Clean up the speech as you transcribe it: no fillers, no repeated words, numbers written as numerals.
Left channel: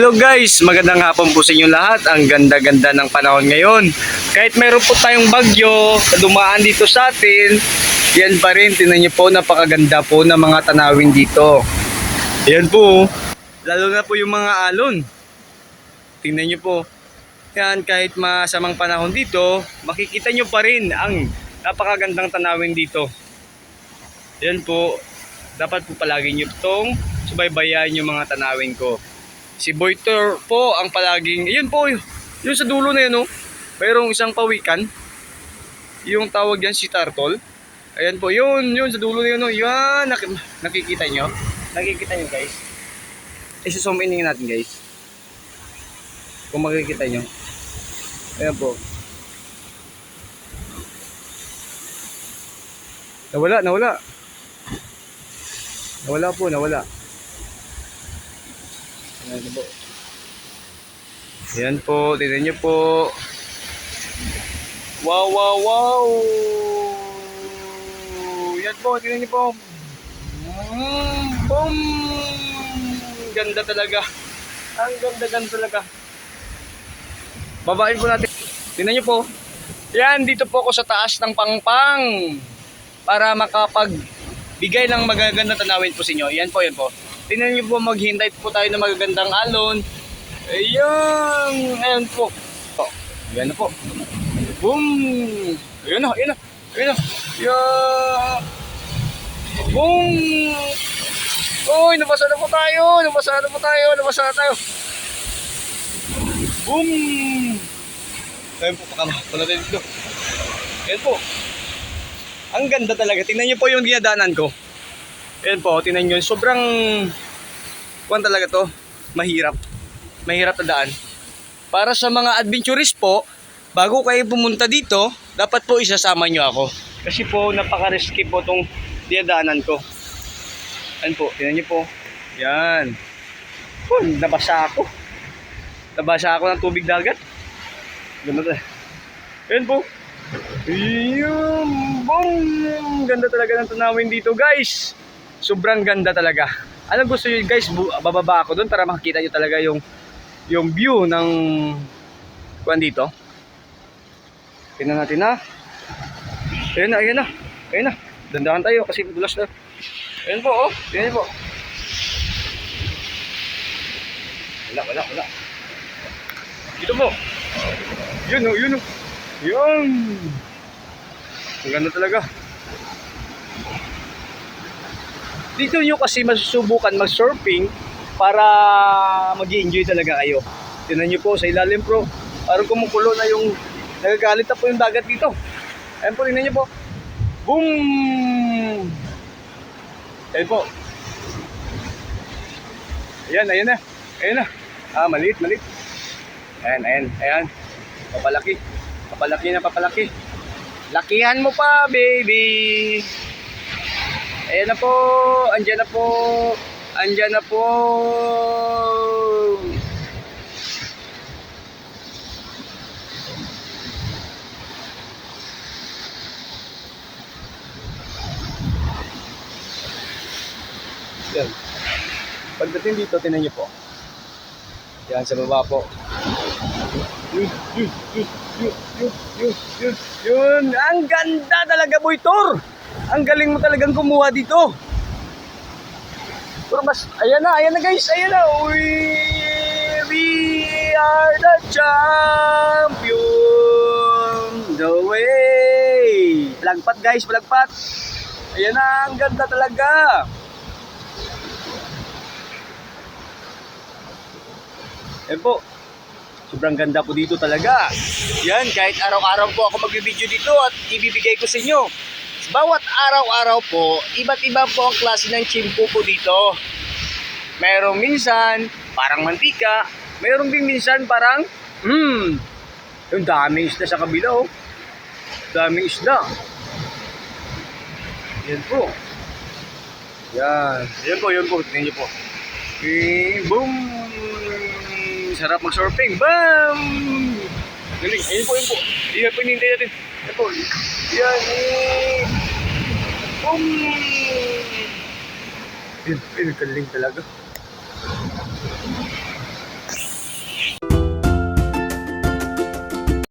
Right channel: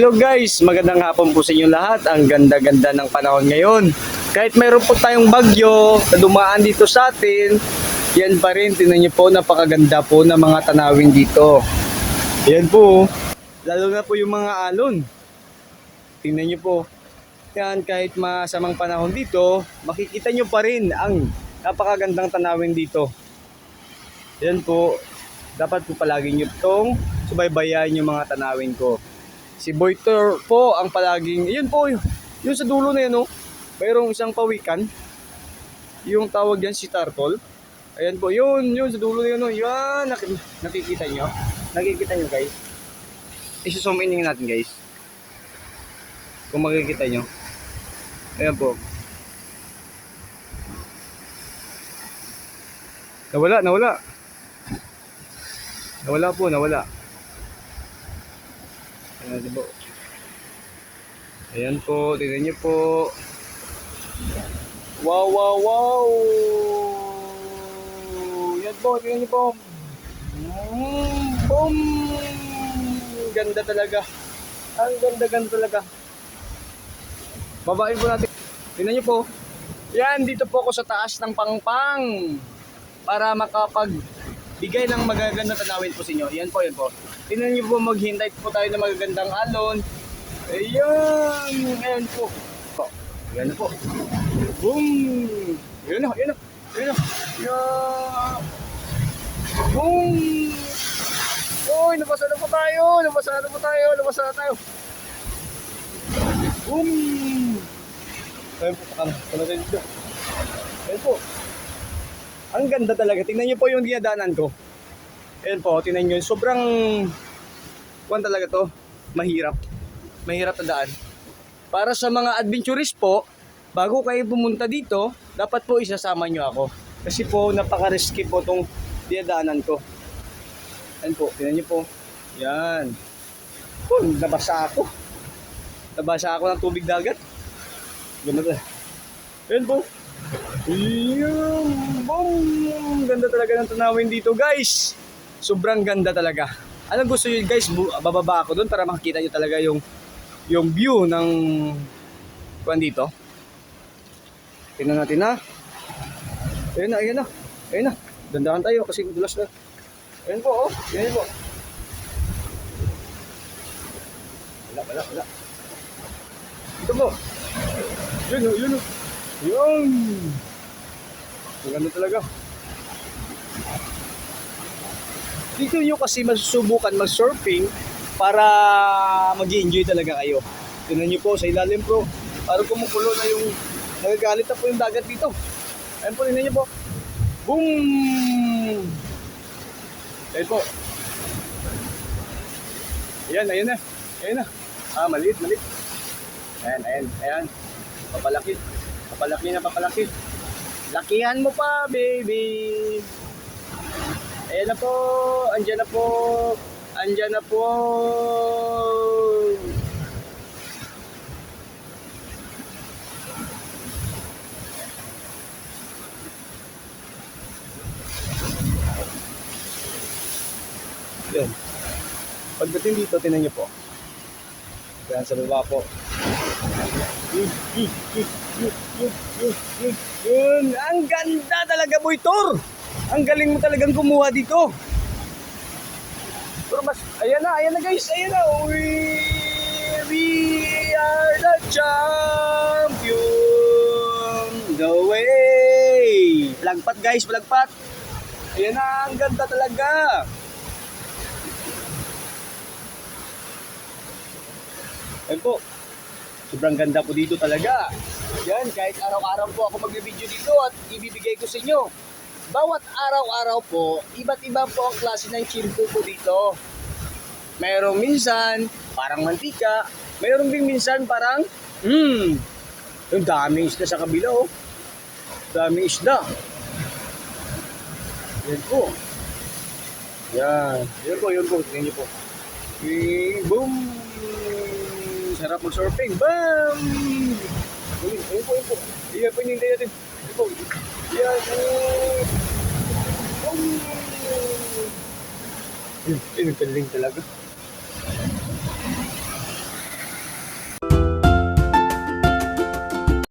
Hello guys, magandang hapon po sa inyo lahat. Ang ganda-ganda ng panahon ngayon. Kahit meron po tayong bagyo na dumaan dito sa atin, yan pa rin, tingnan niyo po, napakaganda po ng mga tanawin dito. Yan po, lalo na po yung mga alon. Tingnan niyo po, yan, kahit masamang panahon dito, makikita niyo pa rin ang napakagandang tanawin dito. Yan po, dapat po palagi niyo itong subaybayan yung mga tanawin ko. Si Boyter po ang palaging, yun po, yun sa dulo na yun, no? Mayroong isang pawikan. Yung tawag yan si Turtle. Ayan po, yun sa dulo na yun, no? Yan, nakikita nyo? Nakikita nyo guys? Isi-zoom in natin guys. Kung makikita nyo. Ayan po. Nawala. Nawala. Ayan po, tignan nyo po. Wow. Yan po, tignan nyo po. Boom! Ganda talaga. Ang ganda talaga. Babain po natin. Tignan nyo po. Yan, dito po ako sa taas ng pangpang. Para makapagbigay ng magagandang tanawin po sa inyo. Yan po. Tingnan niyo po, maghintay po tayo ng magagandang alon. Ayan po. Oh, ayan na po. Boom! Ayan na. Yeah! Boom! Uy, nabasa na po tayo. Boom! Ayan po, pakala tayo dito. Ayan po. Ang ganda talaga. Tingnan niyo po yung dinadaanan ko. Ayan po, tingnan nyo, sobrang kuwan talaga to, mahirap na daan. Para sa mga adventurist po, bago kayo pumunta dito, dapat po isasama nyo ako. Kasi po, napaka-risky po itong dinadaanan ko. Ayan po, tingnan nyo po. Yan. Oh, nabasa ako ng tubig dagat. Ayan po. Boom! Ganda talaga ng tanawin dito guys. Sobrang ganda talaga. Anong gusto nyo guys, bababa ako doon para makikita nyo talaga yung view ng kuwan dito. Tingnan natin na. Ayan na. Dandahan tayo kasi bulas na. Ayan po, oh. Tingnan po. Wala. Dito mo. Yun. Yan. Ang ganda talaga. Dito nyo kasi masusubukan mag-surfing para mag-i-enjoy talaga kayo. Tingnan nyo po sa ilalim pro. Parang kumukulo na yung nagagalit na po yung dagat dito. Ayan po, tingnan nyo po. Boom! Ayan po. Ayan na. Maliit. Ayan. Papalaki. Lakihan mo pa, baby. Ayan na po, andyan na po. Ayan. Pagdating dito, tinan niyo po. Ayan sa baba po. Yun, ang ganda talaga, Boyter. Ang galing mo talagang kumuha dito. Pero mas, ayan na guys, Uy, we are the champion. The way. Palagpat guys. Ayan na, ang ganda talaga. Ayan po. Sobrang ganda po dito talaga. Yan, kahit araw-araw po ako mag-video dito at ibibigay ko sa inyo. Bawat araw-araw po, iba't iba po ang klase ng chimpo po dito. Merong minsan, parang mantika. Merong din minsan parang, yung daming isda sa kabila, oh. Daming isda. Yan po. Yan po. Tingnan niyo po. Boom! Sarap mag-surfing. Bam! Galing. Ayun po. Ayan po, hinihintay natin. Ayan po. Yan. Boom! Ayun, galing talaga.